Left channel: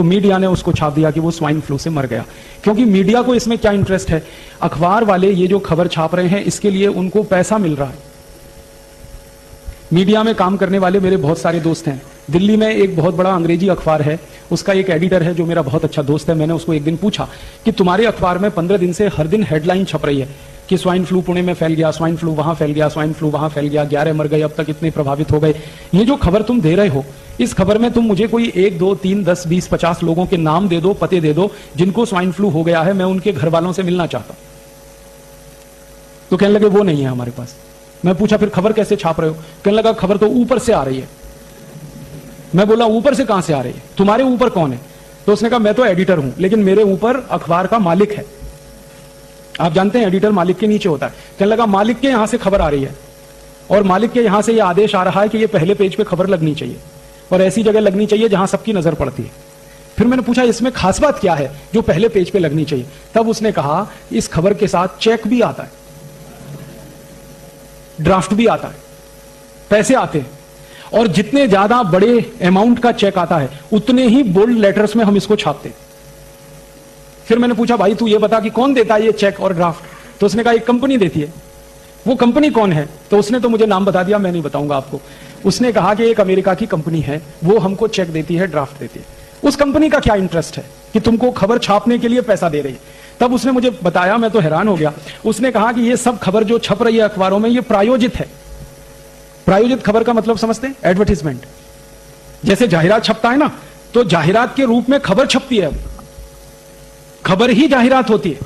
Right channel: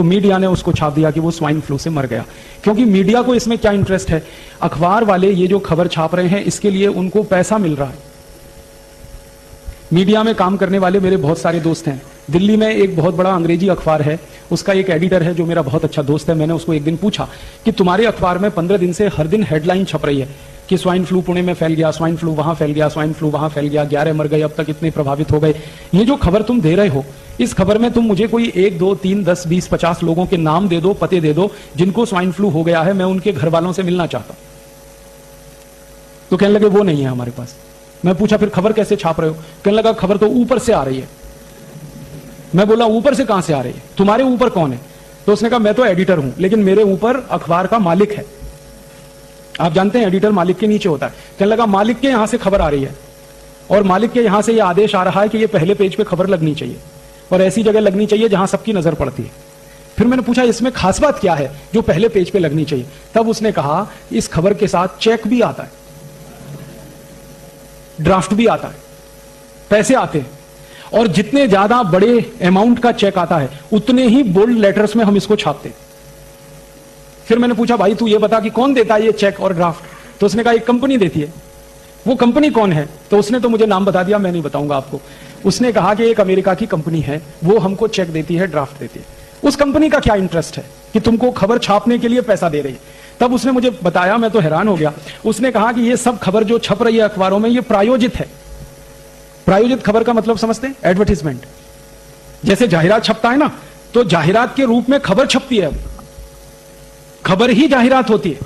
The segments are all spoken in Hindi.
तो मीडिया ने उसको छाप दिया कि वो स्वाइन फ्लू से मर गया। क्योंकि मीडिया को इसमें क्या इंटरेस्ट है, अखबार वाले ये जो खबर छाप रहे हैं इसके लिए उनको पैसा मिल रहा है। मीडिया में काम करने वाले मेरे बहुत सारे दोस्त हैं। दिल्ली में एक बहुत बड़ा अंग्रेजी अखबार है, उसका एक एडिटर है जो मेरा बहुत अच्छा दोस्त है। मैंने उसको एक दिन पूछा कि तुम्हारे अखबार में 15 दिन से हर दिन हेडलाइन छप रही है कि स्वाइन फ्लू पुणे में फैल गया, स्वाइन फ्लू वहां फैल गया, स्वाइन फ्लू वहां फैल गया, 11 मर गए, अब तक इतने प्रभावित हो गए। ये जो खबर तुम दे रहे हो, इस खबर में तुम मुझे कोई 1, 2, 3, 10, 20, 50 लोगों के नाम दे दो, पते दे दो जिनको स्वाइन फ्लू हो गया है, मैं उनके घर वालों से मिलना चाहता हूं। तो कहने लगे वो नहीं है हमारे पास। मैं पूछा फिर खबर कैसे छाप रहे हो? कहने लगा खबर तो ऊपर से आ रही है। मैं बोला ऊपर से कहां से आ रही है? तुम्हारे ऊपर कौन है? तो उसने कहा मैं तो एडिटर हूं, लेकिन मेरे ऊपर अखबार का मालिक है। आप जानते हैं एडिटर मालिक के नीचे होता है। कहने लगा मालिक के यहां से खबर आ रही है और मालिक के यहां से यह आदेश आ रहा है कि यह पहले पेज पे खबर लगनी चाहिए और ऐसी जगह लगनी चाहिए जहां सबकी नजर पड़ती है। फिर मैंने पूछा इसमें खास बात क्या है जो पहले पेज पे लगनी चाहिए? तब उसने कहा इस खबर के साथ चेक भी आता है, ड्राफ्ट भी आता है, पैसे आते हैं, और जितने ज्यादा बड़े अमाउंट का चेक आता है उतने ही बोल्ड लेटर्स में हम इसको छापते हैं। फिर मैंने पूछा भाई तू ये बता कि कौन देता है ये चेक और ड्राफ्ट? तो उसने कहा एक कंपनी देती है। वो कंपनी कौन है? तो उसने तो मुझे नाम बता दिया, मैं नहीं बताऊंगा आपको। उसने कहा कि एक अमेरिका की कंपनी है, वो हमको चेक देती है, ड्राफ्ट देती है। उस कंपनी का क्या इंटरेस्ट है कि तुमको खबर छापने के लिए पैसा दे रही है? तब उसने मुझे बताया, मैं तो हैरान हो गया। उसने कहा कि ये सब खबर जो छप रही है अखबारों में ये प्रायोजित है। प्रायोजित खबर का मतलब समझते हैं? एडवर्टीजमेंट। जैसे जाहिरात छपता है ना, तो जाहिरात के रूप में खबर छपती है, खबर ही जाहिरात होती है।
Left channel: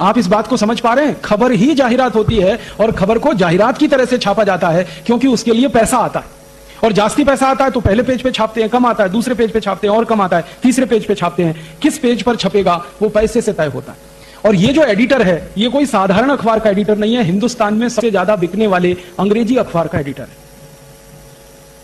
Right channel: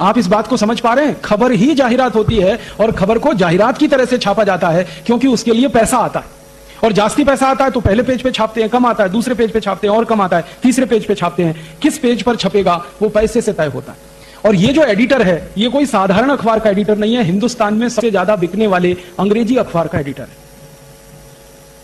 आप इस बात को समझ पा रहे हैं? खबर ही जाहिरात होती है और खबर को जाहिरात की तरह से छापा जाता है क्योंकि उसके लिए पैसा आता है। और जास्ती पैसा आता है तो पहले पेज पे छापते हैं, कम आता है दूसरे पेज पे छापते हैं, और कम आता है तीसरे पेज पे छापते हैं। किस पेज पर छपेगा वो पैसे से तय होता है। और ये जो एडिटर है ये कोई साधारण अखबार का एडिटर नहीं है, हिंदुस्तान में सबसे ज्यादा बिकने वाले अंग्रेजी अखबार का एडिटर है।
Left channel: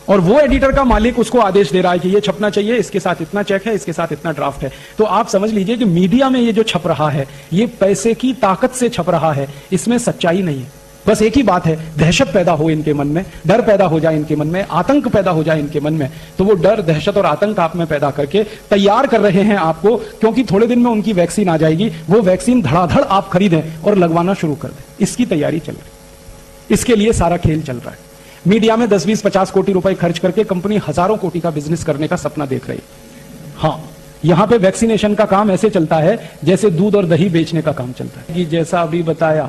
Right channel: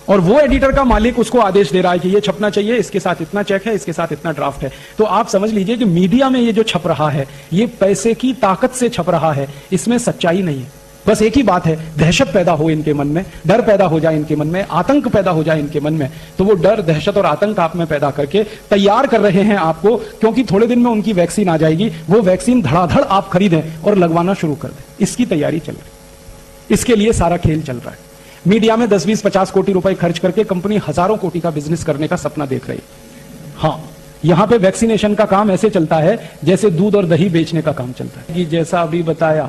और वो एडिटर का मालिक उसको आदेश दे रहा है कि ये छपना चाहिए, इसके साथ इतना चेक है, इसके साथ इतना ड्राफ्ट है। तो आप समझ लीजिए कि मीडिया में ये जो छप रहा है ये पैसे की ताकत से छप रहा है, इसमें सच्चाई नहीं है। बस एक ही बात है, दहशत पैदा हो इनके मन में, डर पैदा हो जाए इनके मन में, आतंक पैदा हो जाए इनके मन में, तो वो डर, दहशत और आतंक आप में पैदा करके तैयार कर रहे हैं आपको, क्योंकि थोड़े दिन में उनकी वैक्सीन आ जाएगी। वो वैक्सीन धड़ाधड़ आप खरीदें और लगवाना शुरू कर दें, इसकी तैयारी चल रही है। इसके लिए सारा खेल चल रहा है। मीडिया में 10, 20, 50 कोटी रुपए खर्च करके कंपनी हजारों कोटि का बिजनेस करने का सपना देख रही है। हाँ, यहां पे वैक्सीनेशन का काम ऐसे चलता है जैसे दूध और दही बेचने का काम चलता है। कि जैसा अभी बताया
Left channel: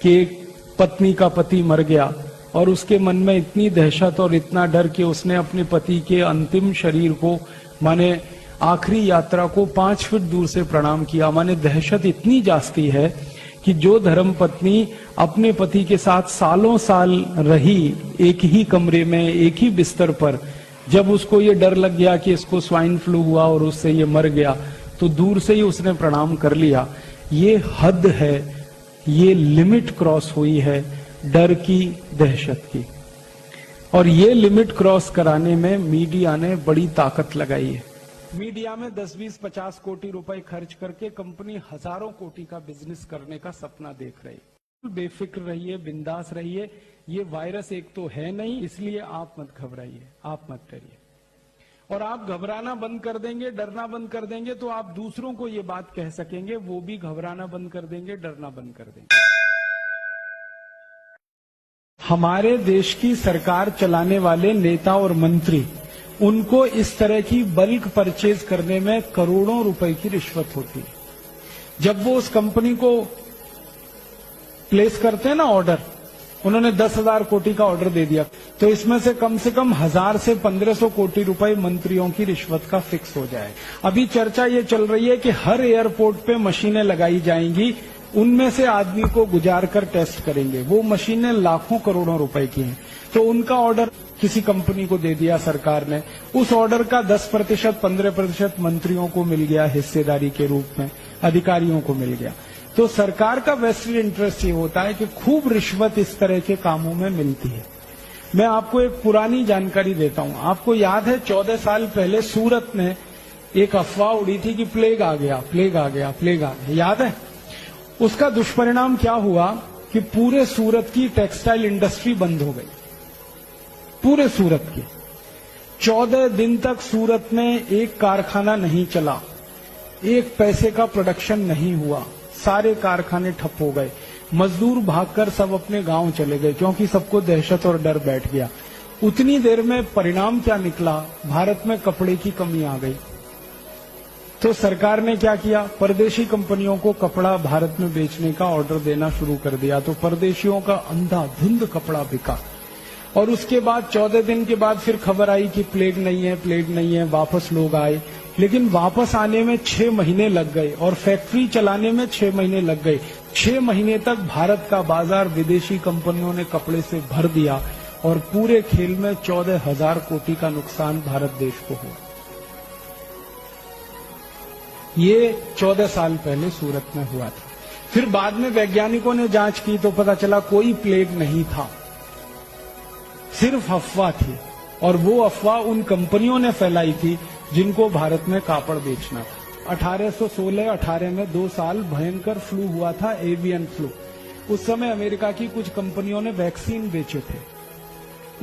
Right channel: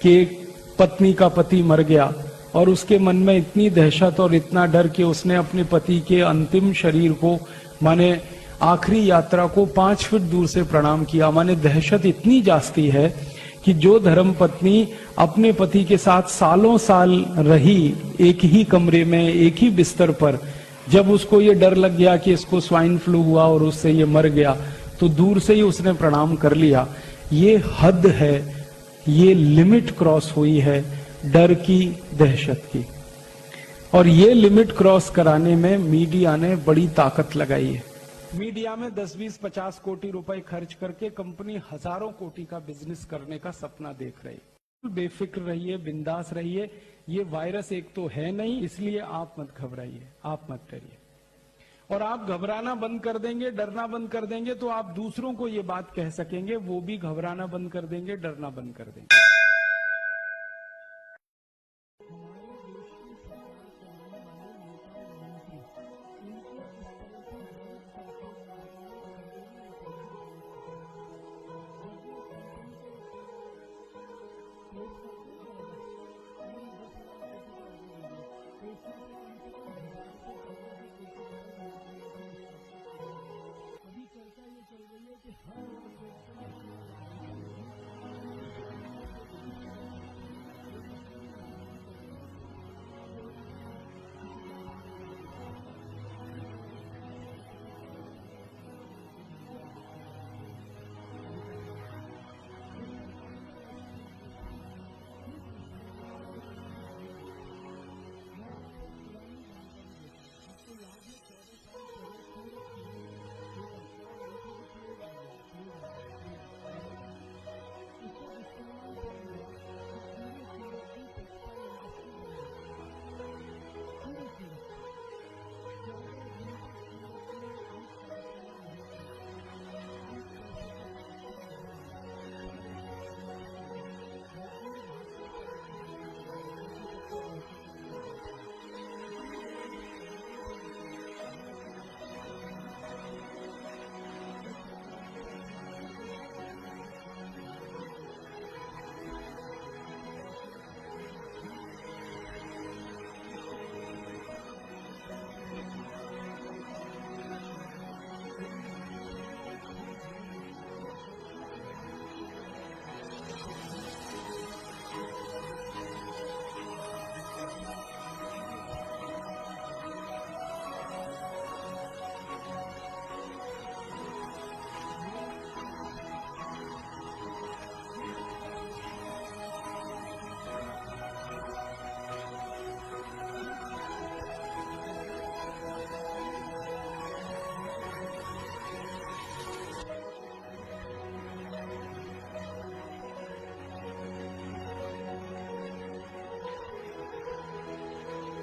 कि पत्नी का पति मर गया और उसके मन में इतनी दहशत और इतना डर कि उसने अपने पति के अंतिम शरीर को, माने आखिरी यात्रा को 5 फीट दूर से प्रणाम किया। माने दहशत इतनी जास्ती है कि जो धर्म पत्नी अपने पति के साथ सालों साल रही एक ही कमरे में, एक ही बिस्तर पर, जब उसको ये डर लग गया कि इसको स्वाइन फ्लू हुआ और उससे ये मर गया, तो दूर से ही उसने प्रणाम कर लिया। ये हद है, ये लिमिट क्रॉस हुई है डर की, दहशत की। और ये लिमिट क्रॉस कराने में मीडिया ने बड़ी ताकत लगाई है। मीडिया में 10, 20, 50 कोटी रुपए खर्च करके कंपनी हजारों कोटि का बिजनेस करने का सपना देख रही है। बेफिक्र रहिए, बिंदास रहिए। ये वायरस एक तो है नहीं, इसलिए आप मत घबराइए, आप मत डरिए। और आप घबराना बंद कर देंगे, डरना बंद कर देंगे तो आप दूसरों को ये बात कह सकेंगे, वो भी घबराना बंद कर देंगे, डरना बंद कर देंगे। हमारे देश की सरकार चलाने वाले नेता और मंत्री, उनको इस तरह की बल्क परचेज करने में करोड़ों रुपए की रिश्वत होती है। जब वो उस कंपनी को प्लेस करते हैं ना ऑर्डर, उन्होंने 10,000 कोटि का ऑर्डर दे दिया, तो इसमें से कम 1000 से 1500 कोटि रुपए मंत्रियों की रिश्वत का फिक्स हो जाए। अभी चर्चा ये चल रही है कि हर एयरपोर्ट पे मशीनें लगाई जाएंगी, उनमें से आदमी को गुजार कर टेस्ट करेंगे। वो मशीनें लाखों करोड़ों रुपए की हैं। तो उनका ऑर्डर किसी कंपनी को दे दिया सरकार ने, उस ऑर्डर का 10%, 15% मंत्रियों को मिल गया हिस्सेदारी के रूप में, अधिकारियों को मिल गया। तो सरकार का वेस्टेड इंटरेस्ट ये होता है कि खूब रिश्वत इस तरह के कामों में मिलती है। मैं आपको एक पुरानी जानकारी देता हूं। आपको याद है 14 साल पहले सूरत में एक अफवाह उड़ी थी कि प्लेग आ गया, प्लेग आ गया, प्लेग आ गया, याद है? उसका दुष्परिणाम क्या हुआ कि पूरे सूरत की टेक्सटाइल इंडस्ट्री बंद हो गई, पूरे सूरत की। 14 दिन तक सूरत में एक कारखाना नहीं चला, एक पैसे का प्रोडक्शन नहीं हुआ, सारे कारखाने ठप हो गए, मजदूर भागकर सब अपने गांव चले गए क्योंकि सबको दहशत और डर बैठ गया। उतनी देर में परिणाम क्या निकला, भारत में कपड़े की कमी आ गई। तो सरकार ने क्या किया, परदेशी कंपनियों को कपड़ा भारत में बेचने का ऑर्डर देना शुरू कर दिया। तो परदेशियों का अंधाधुंध कपड़ा बिका और उसके बाद 14 दिन के बाद फिर खबर आई कि प्लेग नहीं है, वापस लोग आए। लेकिन वापस आने में 6 महीने लग गए और फैक्ट्री चलाने में 6 महीने लग गए। 6 महीने तक भारत का बाजार विदेशी कंपनियों ने कपड़े से भर दिया और पूरे खेल में 14,000 कोटी का नुकसान भारत देश को हुआ। ये 14 साल पहले सूरत में हुआ था। फिर बाद में वैज्ञानिकों ने जांच की तो पता चला कोई प्लेग नहीं था, सिर्फ अफवाह थी। और वो अफवाह उन कंपनियों ने फैलाई थी जिनको भारत में कापड़ बेचना था। 1816-18 में 2 साल भयंकर फ्लू हुआ था, एवियन फ्लू। उस समय अमेरिका की कुछ कंपनियों ने वैक्सीन बेचे थे।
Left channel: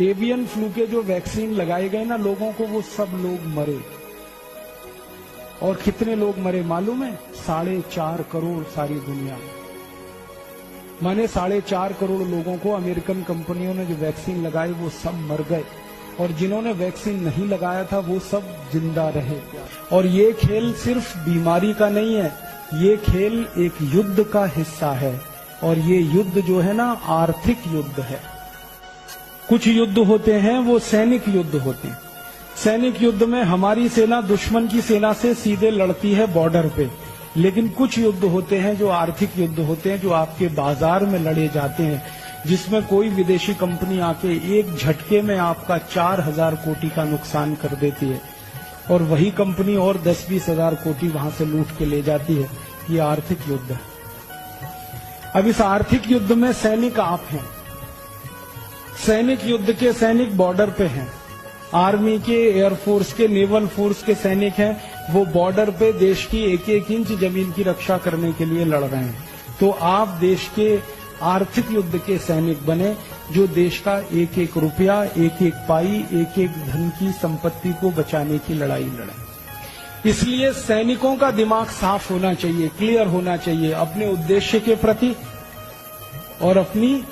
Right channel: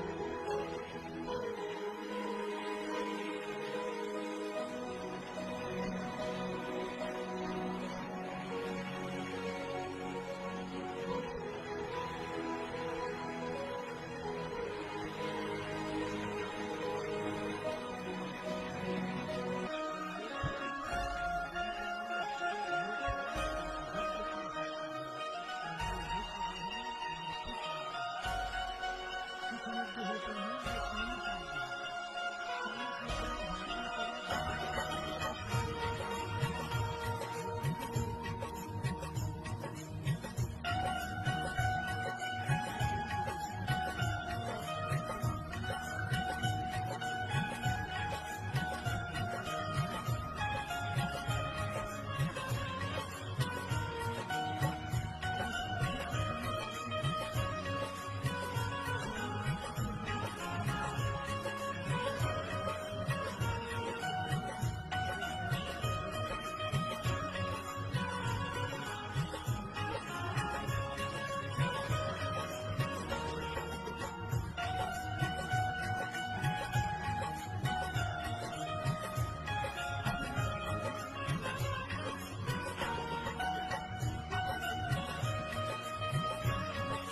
एवियन फ्लू के जो वैक्सीन लगाए गए ना लोगों को, वो सब लोग मरे। और कितने लोग मरे मालूम है? 4.5 करोड़ सारी दुनिया में। माने 4.5 करोड़ लोगों को अमेरिकन कंपनियों ने जो वैक्सीन लगाई वो सब मर गए और जिन्होंने वैक्सीन नहीं लगाया था वो सब जिंदा रहे। और ये खेल सिर्फ बीमारी का नहीं है, ये खेल एक युद्ध का हिस्सा है। और ये युद्ध जो है ना, आर्थिक युद्ध है। कुछ युद्ध होते हैं वो सैनिक युद्ध होते हैं। सैनिक युद्ध में हमारी सेना दुश्मन की सेना से सीधे लड़ती है बॉर्डर पे। लेकिन कुछ युद्ध होते हैं जो आर्थिक युद्ध होते हैं, जो आपके बाजार में लड़े जाते हैं, जिसमें कोई विदेशी कंपनी आके एक झटके में आपका 4,000 कोटी का नुकसान कर देती है और वही कंपनी और 10-20 हजार कोटी वहां से लूट के ले जाती है। ये आर्थिक युद्ध है। अब इस आर्थिक युद्ध में सैनिक आप हैं। सैनिक युद्ध के सैनिक बॉर्डर पे हैं। आर्मी के, एयरफोर्स के, नेवल फोर्स के सैनिक हैं। वो बॉर्डर पे देश की एक-एक इंच जमीन की रक्षा करने के लिए लड़ रहे हैं। तो आप देश के आर्थिक युद्ध के सैनिक बने, जो देश का एक-एक रुपया, एक-एक पाई, एक-एक धन की संपत्ति को बचाने की लड़ाई लड़े। इसलिए सैनिकों का दिमाग साफ होना चाहिए, क्लियर होना चाहिए अपने उद्देश्य के प्रति और अपनी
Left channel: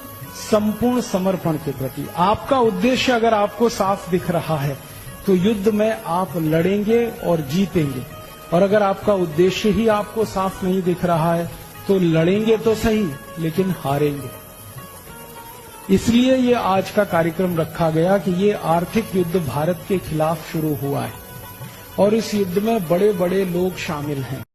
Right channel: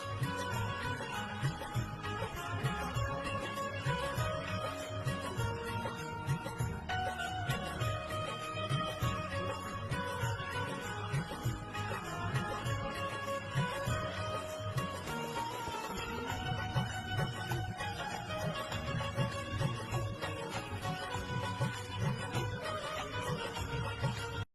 संपूर्ण समर्पण के प्रति। आपका उद्देश्य अगर आपको साफ दिख रहा है तो युद्ध में आप लड़ेंगे और जीतेंगे। और अगर आपका उद्देश्य ही आपको साफ नहीं दिख रहा है तो लड़ेंगे तो सही लेकिन हारेंगे। इसलिए ये आज का कार्यक्रम रखा गया कि ये आर्थिक युद्ध भारत के खिलाफ शुरू हुआ है और इस युद्ध में बड़े बड़े लोग शामिल हैं।